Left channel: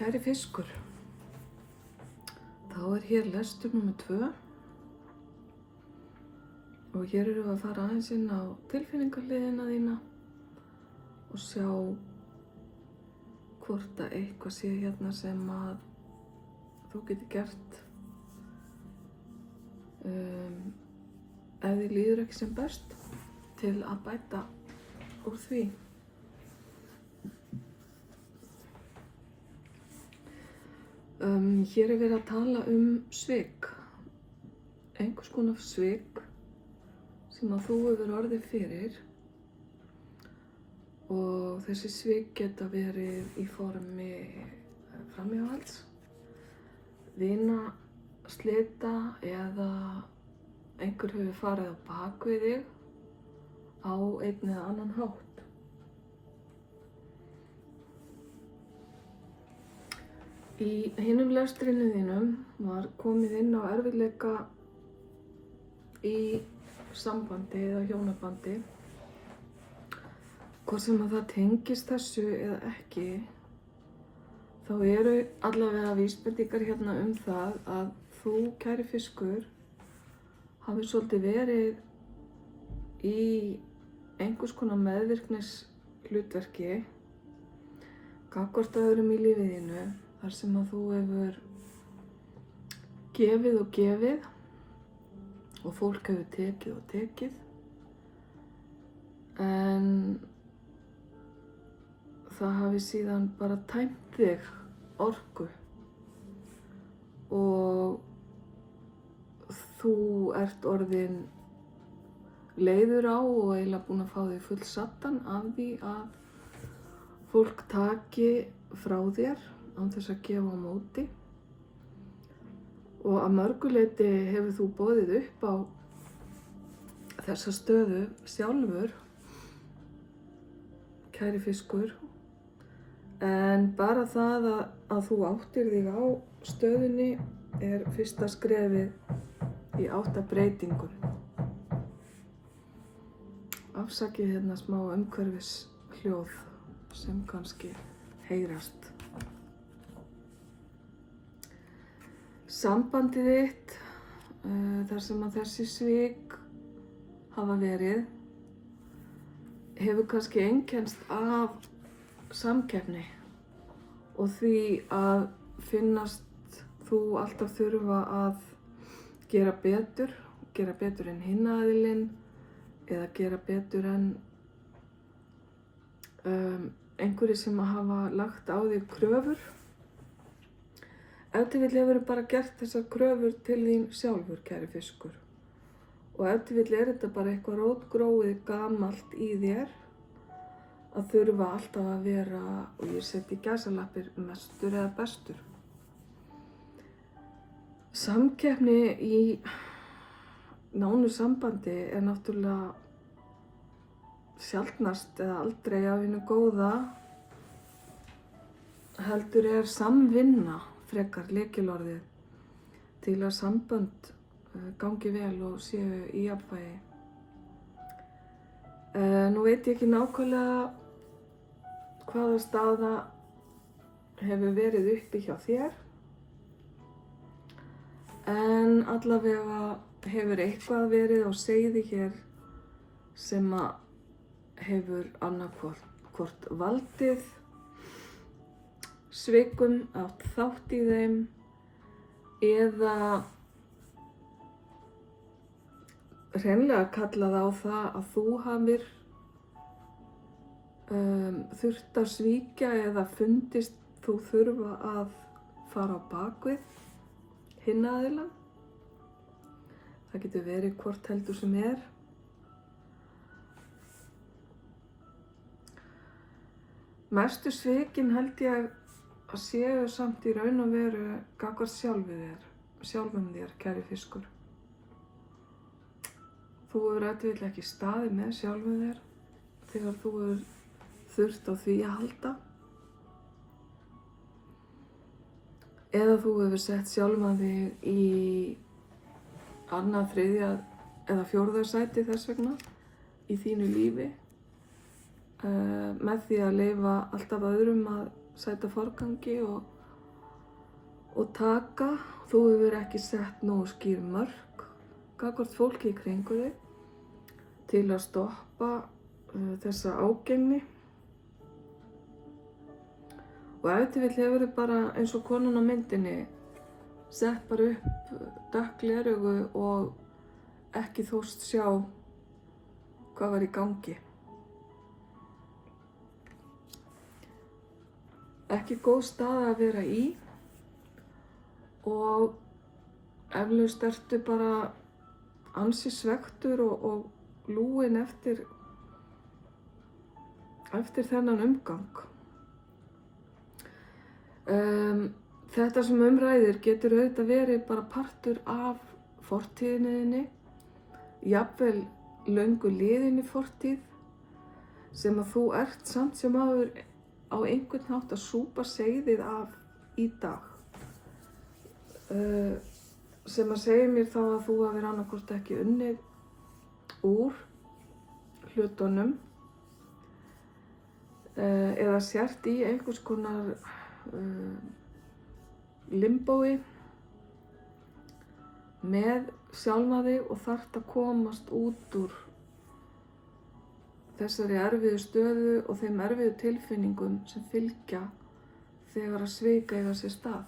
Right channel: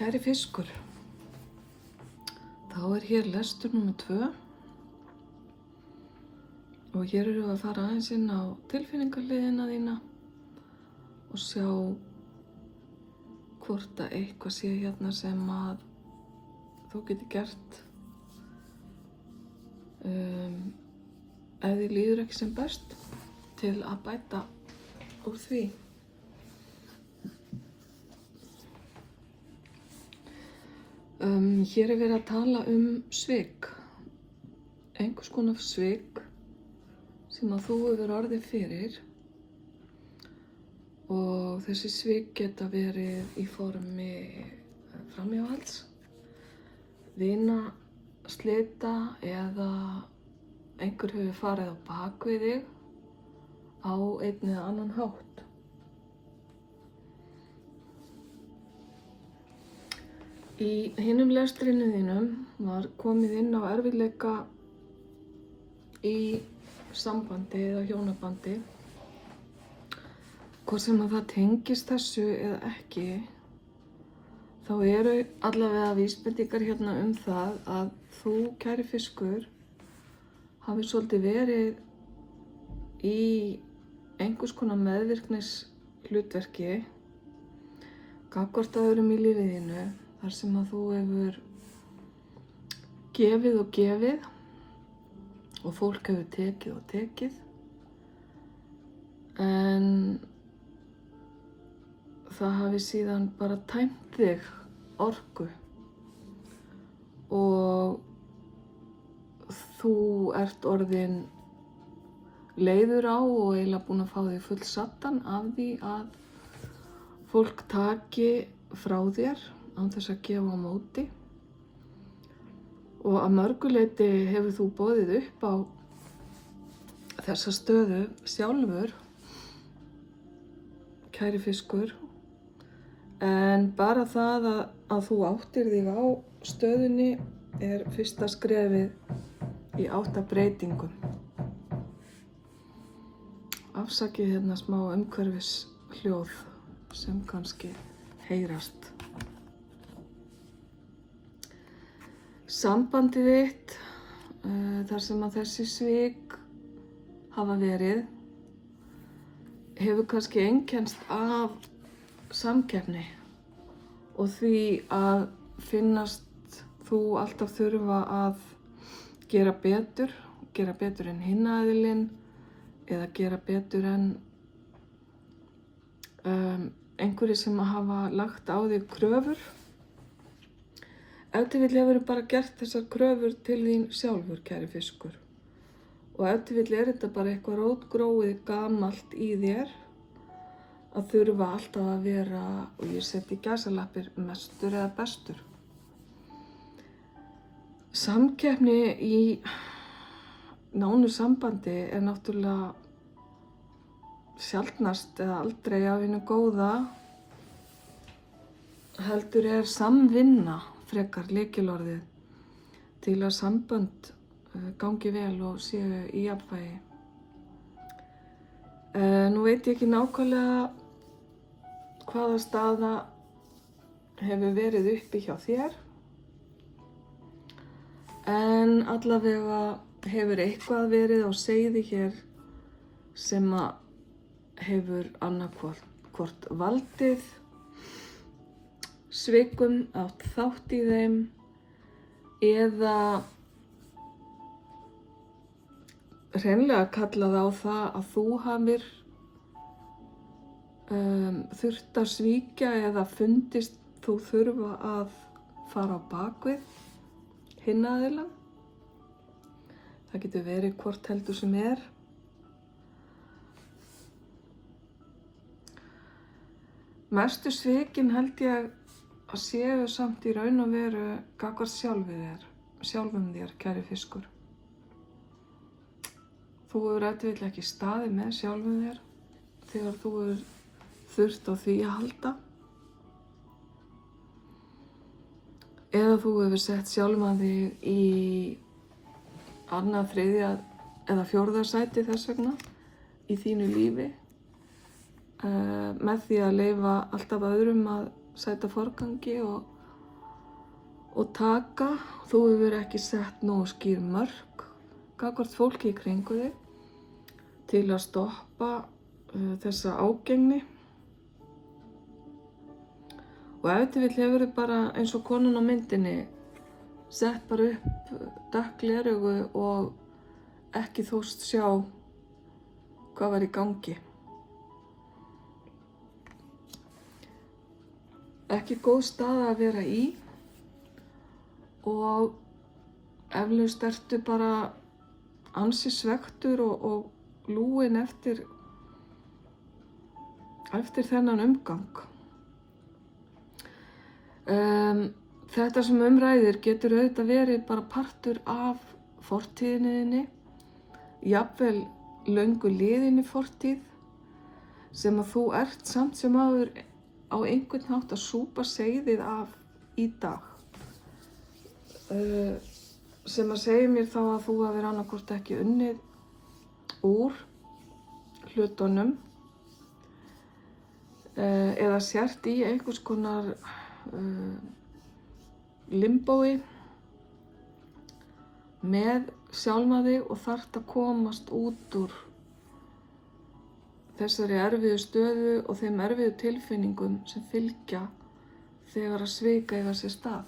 Kæri fiskur, þá hér lestur númer 2 og hér erum við að fara aðeins inn á tilfinningahliðina þína og sjá hvort að eitthvað sé hérna sem að þú getur gert ef þið líður ekki sem best til að bæta úr því. Hér verið að tala svik, einhvers konar svik sem að þú hefur orðið fyrir og þessi svik geta verið í formi framhjáhalds, vinaslita eða einhver hefur farið á bak við þig á einn eða annan hátt. Í hinum lestrinu þínum var komið inn á erfiðleika í sambandi eða hjónabandi. Hvort sem að það tengist þessu eða ekki, þá eru allavega vísbendingar hérna það að þú, kæri fiskur, hafi svolítið verið í einhvers konar meðvirknis hlutverki gagnvart öðrum í lífið þínu. Þar sem að þú hefur gefið og gefið og fólk hefur tekið og tekið, en það hafi síðan bara tæmt þig orku og þú ert orðin leiður á og eiginlega búin að fá þig fullsaddan af því að fólk taki frá þér án þess að gefa á móti, og að mörgu leyti hefur þú boðið upp á þessa stöðu sjálfur, kæri fiskur, en bara það að þú áttir þig á stöðunni er fyrsta skrefið í átt að breytingum. Afsakið hérna smá umhverfishljóð sem kannski heyrast. Sambandið þitt, þar sem að þessi svik hafa verið, hefur kannski einkennst af samkeppni og því að finnast þú alltaf þurfa að gera betur en hinn aðilinn eða gera betur en einhverjir sem hafa lagt á þig kröfur. Ef til vill hefur bara gert þessar kröfur til þín sjálfur, kæri fiskur. Og ef til vill þetta bara eitthvað rótgróið gamalt í þér að þurfa alltaf að vera, og ég seti í gæsalappir, mestur eða bestur. Samkeppni í nánu sambandi er náttúrulega sjaldnast eða aldrei af hinu góða, heldur er samvinna frekar lykilorðið til að sambönd gangi vel og séu í jafnvægi. Nú veit ég ekki nákvæmlega hvaða staða hefur verið uppi hjá þér, en allavega hefur eitthvað verið á seiði hér sem að hefur annarkvort valdið svikum, átt þátt í þeim, eða hreinlega kallað á það að þú hafir þurft að svíkja eða fundist þú þurfa að fara á bakvið hinn aðilann. Það getur verið hvort heldur sem er. Mestu svikin held ég að séu samt í raun og veru gagnvart sjálfum þér, kæri fiskur. Þú hefur ef til vill ekki staðið með sjálfum þér þegar þú hefur þurft á því að halda. Eða þú hefur sett sjálfan þig í annað, þriðja eða fjórða sæti þess vegna í þínu lífi. Með því að leyfa alltaf öðrum að sæta forgangi og og taka. Þú hefur ekki sett nógu skýr mörk gagnvart fólki í kringu þig til að stoppa þessa ágengni. Og ef til vill hefur þið bara eins og konan á myndinni sett bara upp dökk gleraugu og ekki þóst sjá hvað var í gangi. Ekki góð staða að vera í og eflaust ertu bara ansi svekktur og lúinn eftir þennan umgang. Þetta sem ræðir getur auðvitað verið bara partur af fortíðinni þinni, jafnvel löngu liðinni fortíð sem að þú ert samt sem áður á einhvern hátt að súpa seyðið af í dag. Sem að segja mér þá að þú hafir annaðhvort ekki unnið úr hlutunum eða sért í einhvers konar limbói með sjálfa þig og þarft að komast út úr þessari erfiðu stöðu og þeim erfiðu tilfinningum sem fylgja þegar að svik eiga sér stað.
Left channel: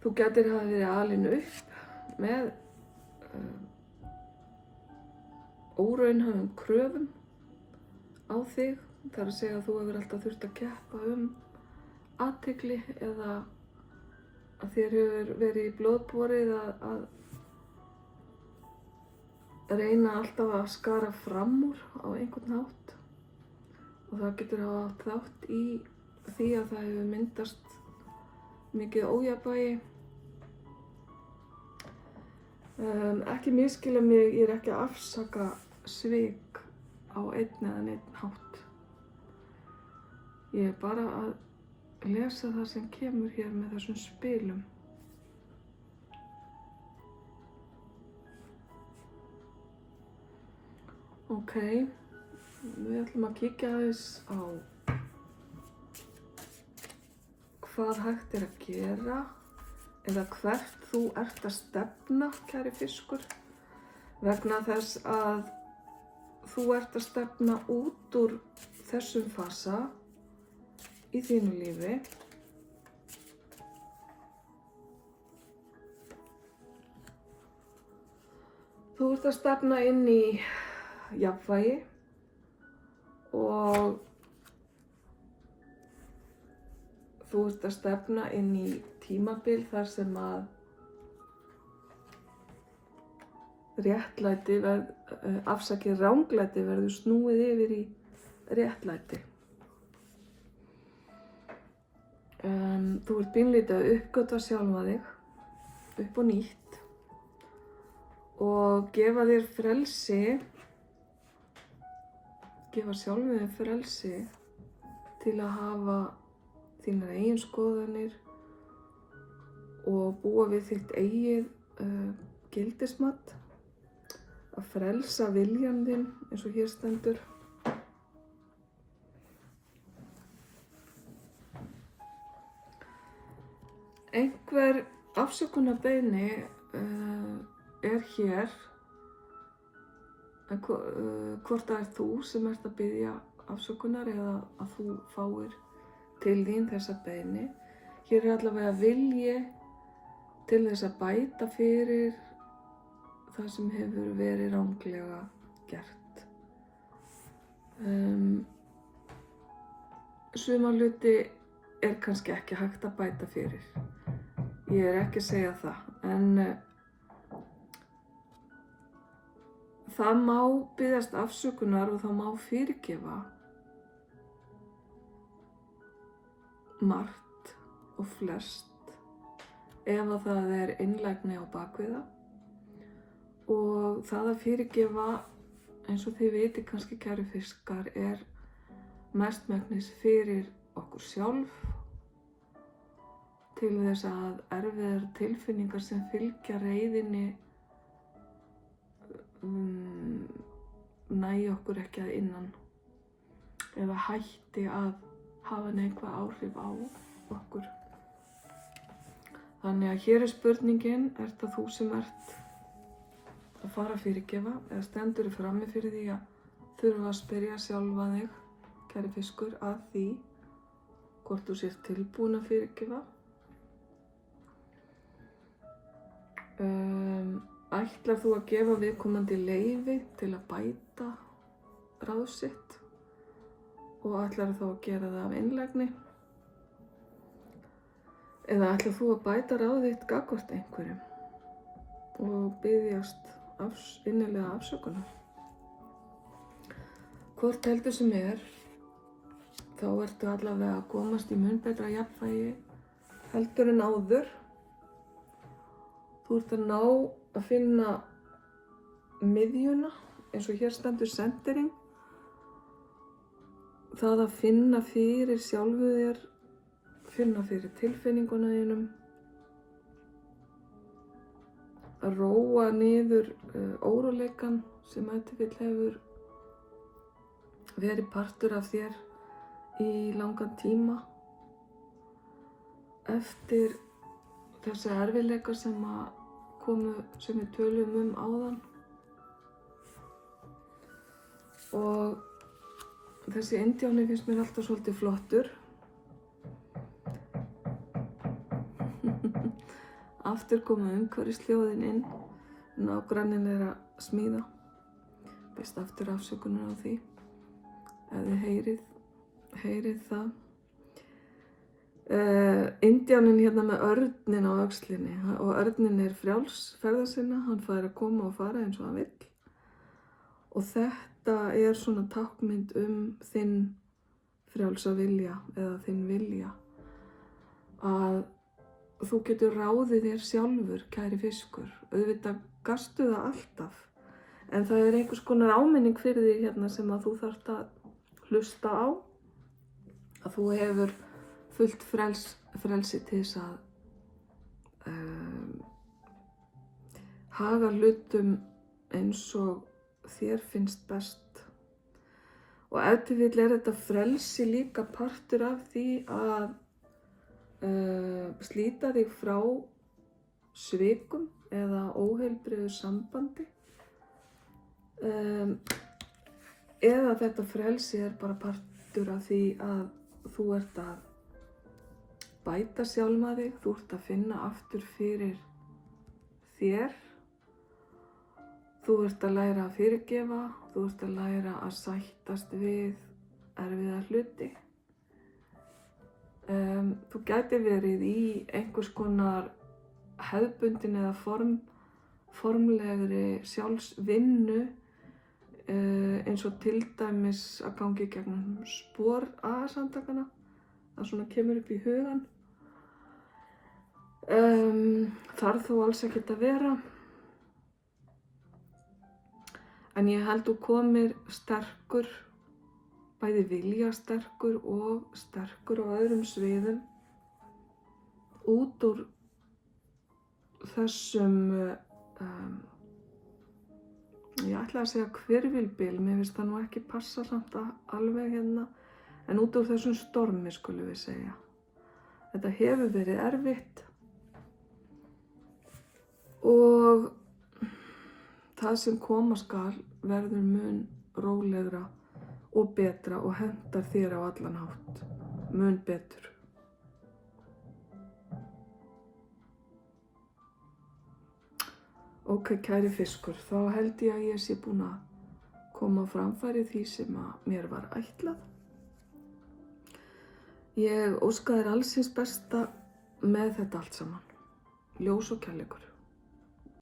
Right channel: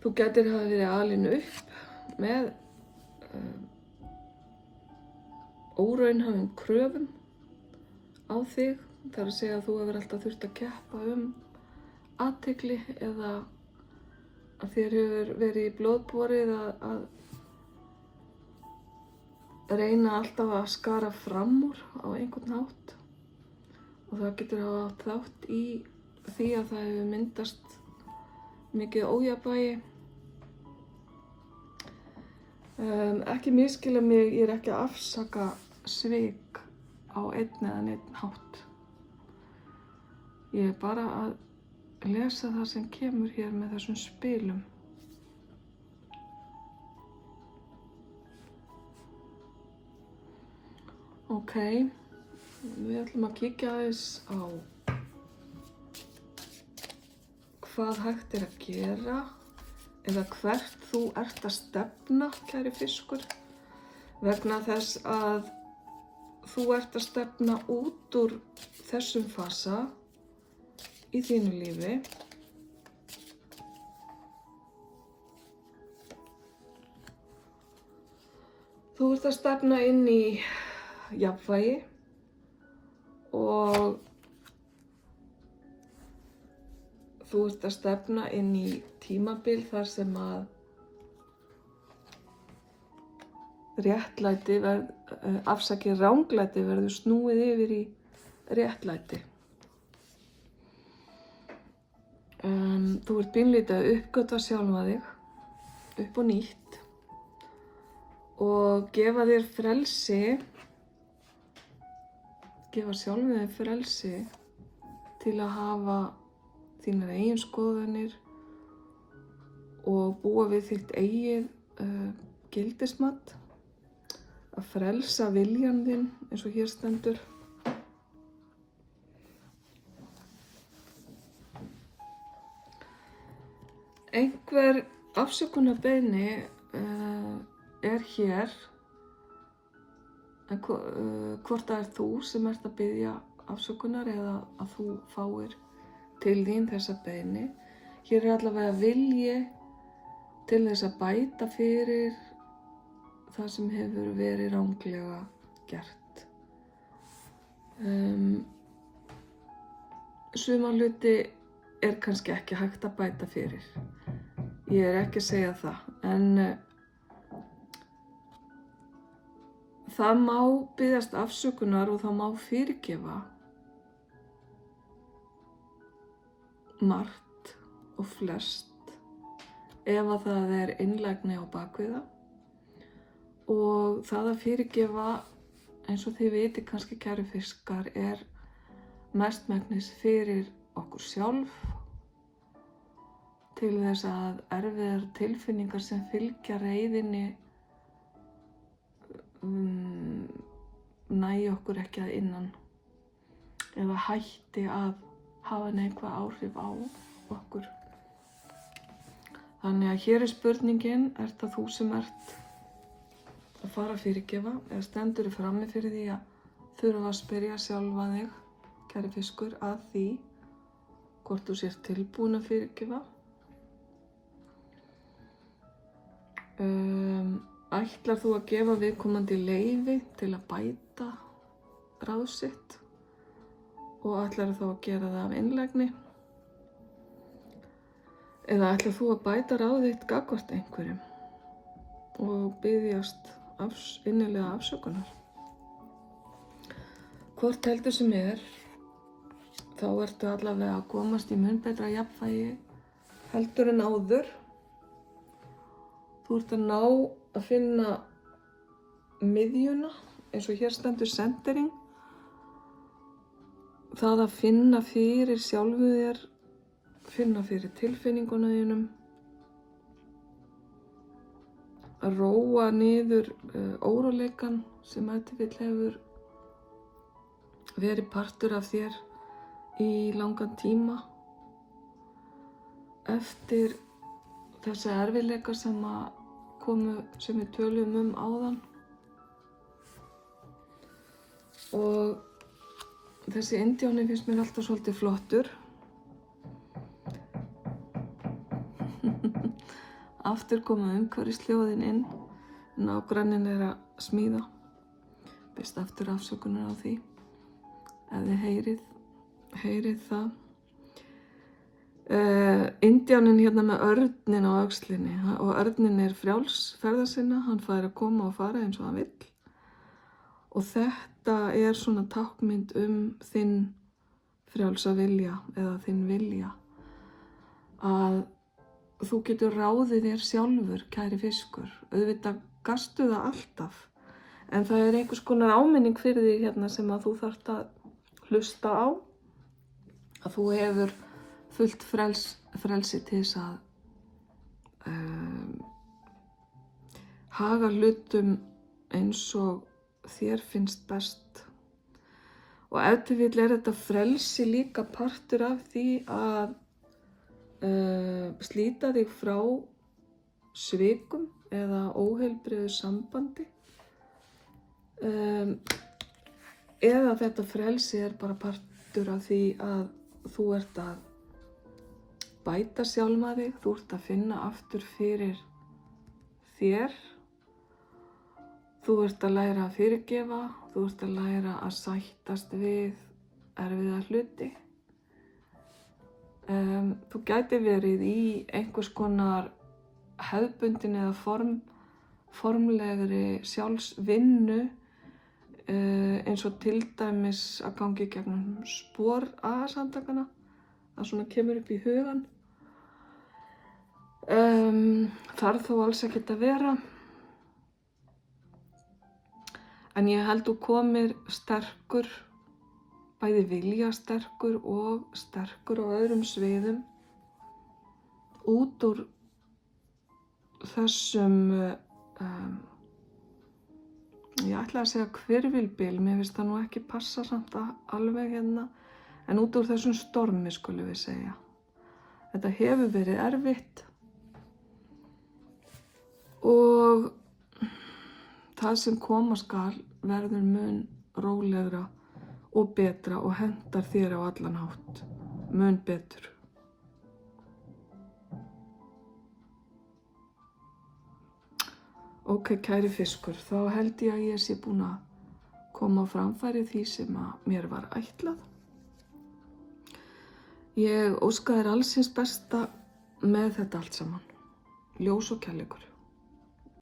Þú gætir hafa verið alin upp með óraunhæfum kröfum á þig. Það er að segja að þú hefur alltaf þurft að keppa athygli eða að þér hefur verið í blóðborið að reyna alltaf að skara fram úr á einhvern hátt og það getur hafa átt þátt í því að það hefur myndast mikið ójafnvægi. Ekki misskilja mig, ég er ekki að afsaka svik á einn eða neinn hátt. Ég er bara að lesa það sem kemur hér með þessum spilum. Ok, við ætlum að kíkja aðeins á hvað hægt er að gera eða hvert þú ert að stefna, kæri fiskur, vegna þess að þú ert að stefna út úr þessum fasa í þínu lífi. Þú ert að stefna inn í jafnvægi og þú ert að stefna inn í tímabil þar sem að ranglæti verður snúið yfir í réttlæti. Þú ert beinlítið að uppgötva sjálfa þig upp og nýtt og gefa þér frelsi, gefa sjálfum þér frelsi til að hafa þínar eigin skoðanir og búa við þitt eigið gildismat, að frelsa viljan þinn eins og hér stendur. Einhver afsökunarbeiðni er hér, en hvort það er þú sem ert að biðja afsökunar eða að þú fáir til þín þessa beiðni. Hér er allavega vilji til þess að bæta fyrir það sem hefur verið ranglega gert. Suma hluti er kannski ekki hægt að bæta fyrir. Ég er ekki að segja það, en það má biðjast afsökunar og það má fyrirgefa margt og flest ef að það er innlægni á bakvið það. Og það að fyrirgefa, eins og þið viti kannski, kæru fiskar, er mestmegnis fyrir okkur sjálf, til þess að erfiðar tilfinningar sem fylgja reiðinni nægi okkur ekki að innan. eða hætti að hafa neikvæð áhrif á okkur. Þannig að hér er spurningin, er það þú sem ert að fara að fyrirgefa eða stendur í frammi fyrir því að þurfa að spyrja sjálfa þig, kæri fiskur, að því hvort þú sért tilbúin að fyrirgefa. Ætlar þú að gefa viðkomandi leyfi til að bæta ráð sitt og ætlar þú að gera það af einlægni? Eða ætlar þú að bæta ráð þitt gagnvart einhverjum og biðjast innilega afsökunar? Hvort heldur sem þá ertu allavega að komast í mun betra jafnvægi heldur en áður. Þú ert að ná að finna miðjuna, eins og hér stendur centering. Það að finna fyrir sjálfu þér, finna fyrir tilfinningunum þínum, að róa niður óróleikann sem ef til vill hefur verið partur af þér í langan tíma eftir þessi erfiðleika sem við töluðum áðan. Og þessi indjáni finnst mér alltaf svolítið flottur. Aftur koma umhverfisljóðin inn, nágranninn er að smíða. Biðst aftur afsökunar á því, ef þið heyrið það. Indjáninn hérna með örninn á öxlinni og örninn er frjáls ferða sinna, hann fær að koma og fara eins og hann vill. Og þetta er svona táknmynd þinn frjálsa vilja eða þinn vilja. Að þú getur ráðið þér sjálfur, kæri fiskur. Auðvitað gastu það alltaf. En það er einhvers konar áminning fyrir þig hérna sem að þú þarft að hlusta á. Að þú hefur fullt frelsi til þess að haga hlutum eins og þér finnst best. Og ef til vill er þetta frelsi líka partur af því að slíta þig frá svikum eða óheilbrigðu sambandi. Eða þetta frelsi er bara partur af því að þú ert að bæta sjálfa þig, þú ert að finna aftur fyrir þér. Þú ert að læra að fyrirgefa, þú ert að læra að sættast við erfiða hluti. Þú gæti verið í einhvers konar hefðbundin eða formlegri sjálfsvinnu, eins og til dæmis að gangi gegnum spor AA-samtakana. Það svona kemur upp í hugan. Þarf þó alls ekkert að vera. En ég held þú komir sterkur, bæði viljasterkur og sterkur á öðrum sviðum út úr þessum, ég ætla að segja hvirfilbyl, mér finnst það nú ekki passa samt alveg hérna, en út úr þessum stormi skulum við segja. Þetta hefur verið erfitt og það sem koma skal verður mun rólegra og betra og hentar þér á allan hátt, mun betur. Ok, kæri fiskur, þá held ég að ég sé búin að koma á framfæri því sem að mér var ætlað. Ég óska þér alls hins besta með þetta allt saman. Ljós og kærleikur.